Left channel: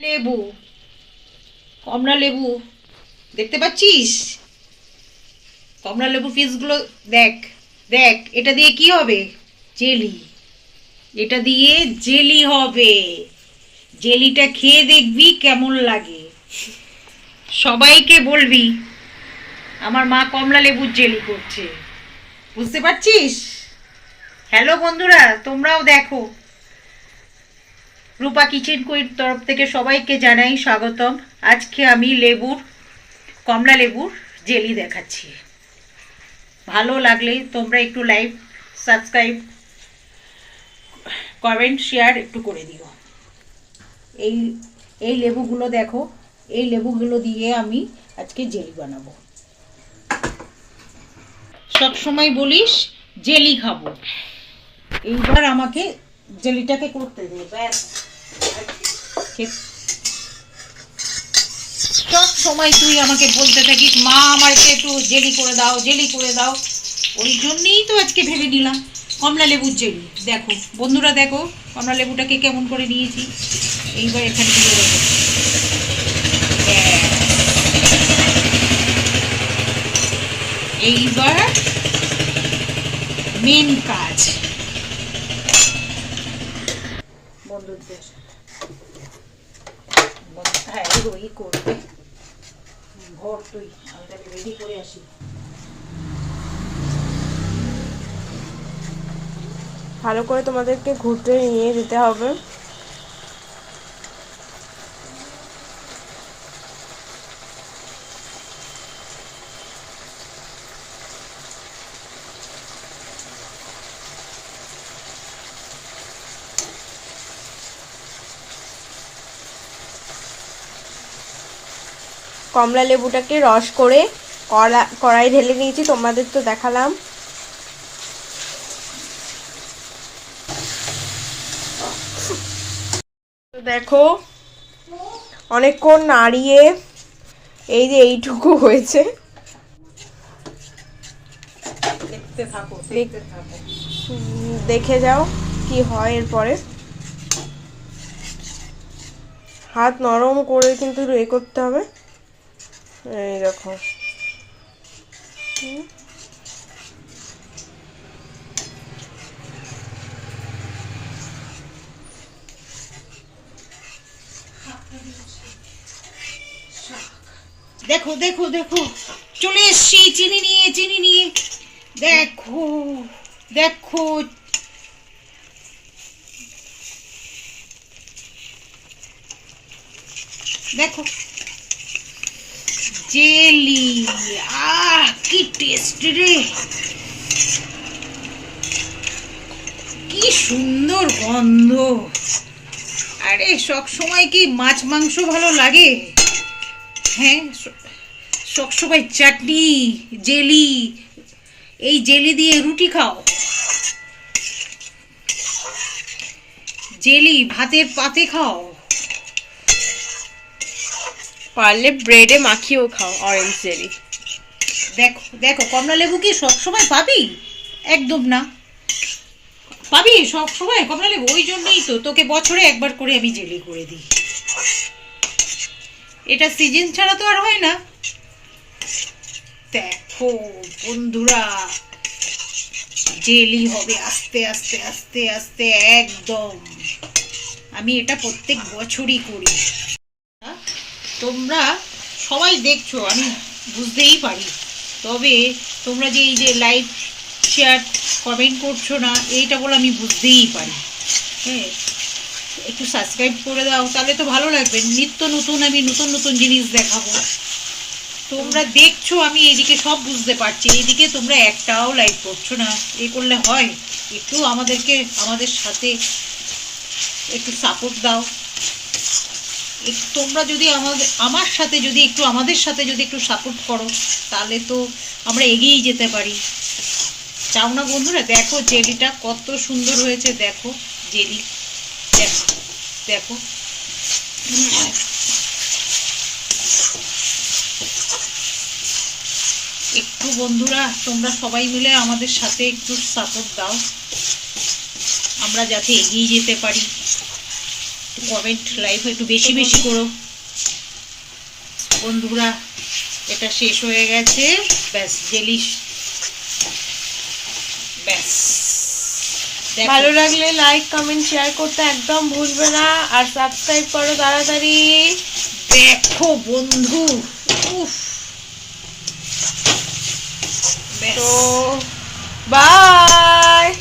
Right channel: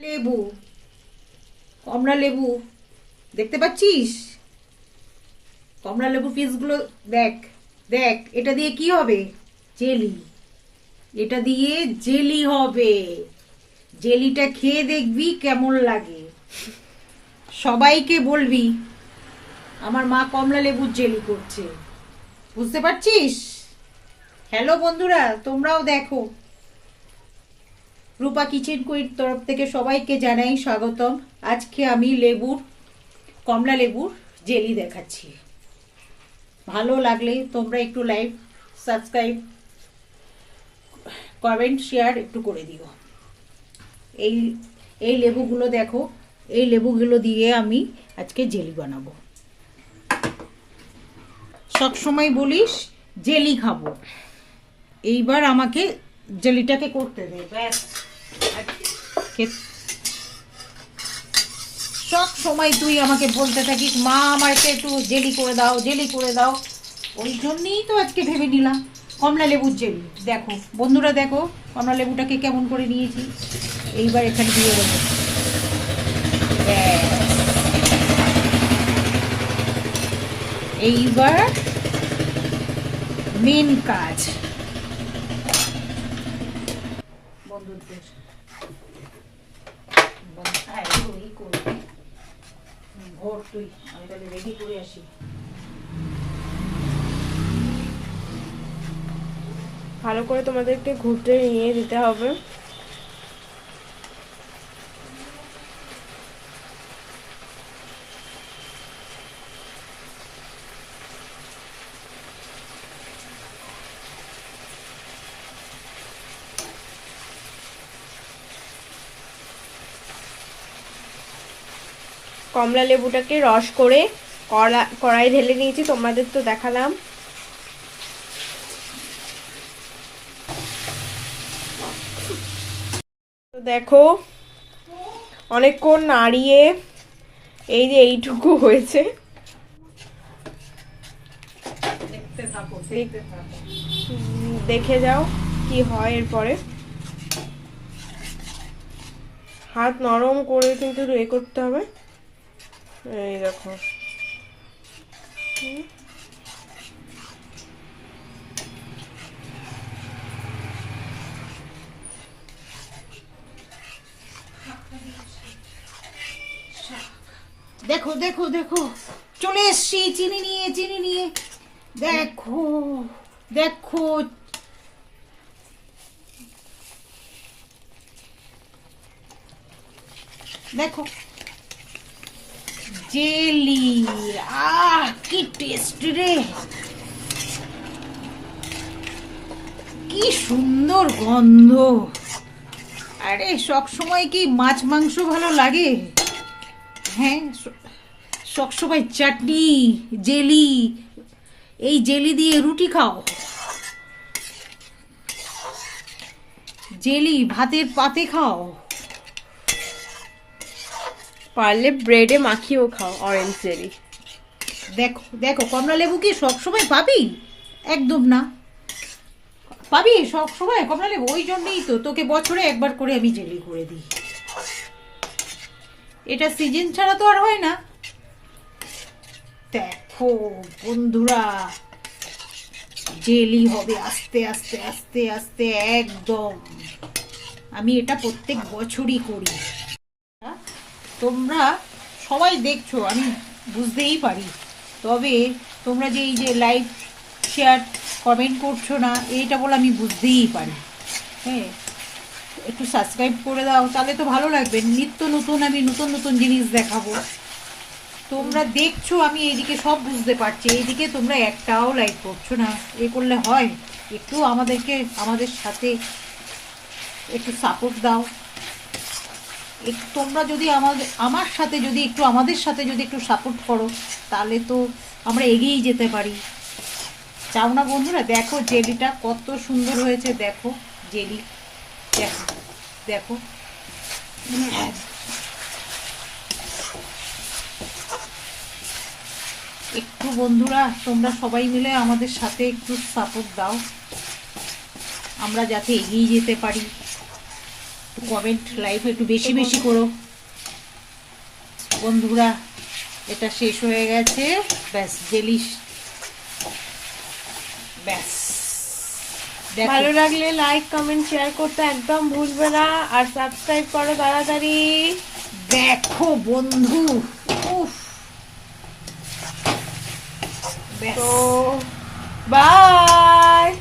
লেবু। কমলা লেবু। দেখতে পাচ্ছিস? কমলা লেবু পিসগুলো দেখ দেখ, এটা দিয়ে কি হবে? জেলি। এটা দিয়ে জেলি হবে। জেলিটা খেয়ে দেখবি কেমন লাগে। সবাইকে বলবি, আমার মা কমলা লেবুর জেলি করছে। বুঝতে পারছিস? হ্যালো বন্ধুরা, তোমরাও দেখো। রূপা কিচেন কুইর তরফ থেকে সবাইকে জানাই স্বাগতম। আজকে আমি লেবুর, কমলা লেবুর জেলি দেখাচ্ছি। ভালো লাগলে তোমরা একটু লাইক, সাবস্ক্রাইব, কমেন্ট, শেয়ার একটু করে দিও। এই এই লেবুগুলো দেখো, এই লেবুগুলো দিয়ে আমি আজকে জেলি বানাবো। সবসময় বলিস জেলি খাব। এইবার আমাকে জেলিটাকে করতে দে, ব্যাস। সব সময় তুই আমাকে বলতে থাকিস, মা আমাকে একটু জেলি করে দাও, জেলি করে দাও। ওই জন্যেই তো আজকে ভেবে নিলাম কমলা লেবুর জেলি। দেখো, বন্ধুরা দেখো কমলা লেবুটাকে কেমন করে নিয়েছি। এইবার এখানে দিয়ে দেবো। এইবার মেন কাজ। বন্ধু- এগুলো ই করবে ভোর তুই, আমি তাহলে রেডি করে আসি। ভালো করে তোমাদেরকে ঘুরতে নিয়ে যেতে হবে। কমলা লেবুটাকে রস করে কড়া কড়াই ঢেলে নিয়েছি তোমাদের তো দেখালাম। দেখো অনেকক্ষণ নাড়িয়ে এই যে এইটুকু হয়েছে। দেখে যাও কি হয় এরপরে। হাত নরম করে কিন্তু এ করতে হবে। এই দেখো। দেখো দেখো দেখো। চলে এসছি চিনি নিয়ে চিনি নিয়ে। দেখো দেখো। দেখো। জেলি আহ কি টেস্ট রে কি সুন্দর গন্ধ. আরে সব সময় কি মাছ মাংস ভালো লাগে? হ্যাঁ সবসময় চাটনি, জেলি, এই জেলি দিয়ে রুটি খাও। জেলি, ভাতের পাতে খাও। পারলে ব্রেডে মাখিয়েও খাও অরেঞ্জ জেলি দেখো দেখো, কমলা লেবু কি সবসময় পাবি? একদম না। পাবি সব সময় কমলা লেবু? ওই জন্যই তো, তোকে বছরে একবার করে আমি জেলি করে দিই। এটা সিজন ছাড়া তো আর হয় না। দেখো, বন্ধুরা জেলি হবে আস্তে আস্তে আস্তে আস্তে, একদম। আমি এটা প্রত্যেক বছরই করি। তোমরা সবাই দেখছ, আমি বুঝতেই পারি। তবে তোমরা যে এই যে লাইক শেয়ার কমেন্ট করছ না, এইটা বলে আমি বুঝতেই পারি। হ্যাঁ একটু সাবস্ক্রাইব করে দাও, তাহলে তো ভালো লাগবে। নিত্য নতুন আমি নতুন নতুন জিনিস দেখাবো। তোমরা দেখছ, আমি এইদিকে সব বুঝতে পারছি। এইদিকে তোমরা একটাও লাইক করছ না। এ করলে হয়। একটু আমাদেরকে, আমাদের সাথে একটু সাপোর্ট দাও। তোমরা যদি আমাদের, আমার সাথে যদি একটু, আমাদের সাথে যদি একটু সাপোর্ট করো, তাহলে তো আমরা এগিয়েই যেতে পারি। চাও না বন্ধুরা, দেখো জেলিটা কত সুন্দর হয়েছে, দেখো জেলি। দেখো দেখো। একটু বন্ধুরা, তোমরা সবাই মিলে আমাদের সাথে একটু সাপোর্ট দাও। আমরা যাতে এগিয়ে যেতে পারি। কমেন্ট লাইক একটু বেশি বেশি করো। বন্ধুরা এটা শেষ হয়ে গেছে। ব্যাস জেলিস। ব্যাস। ভালো লাগলে লাইক কমেন্ট শেয়ার করতে একদম ভুলবে না। আর সাবস্ক্রাইব করো তাড়াতাড়ি। দেখো বন্ধু। উফ। তো বাই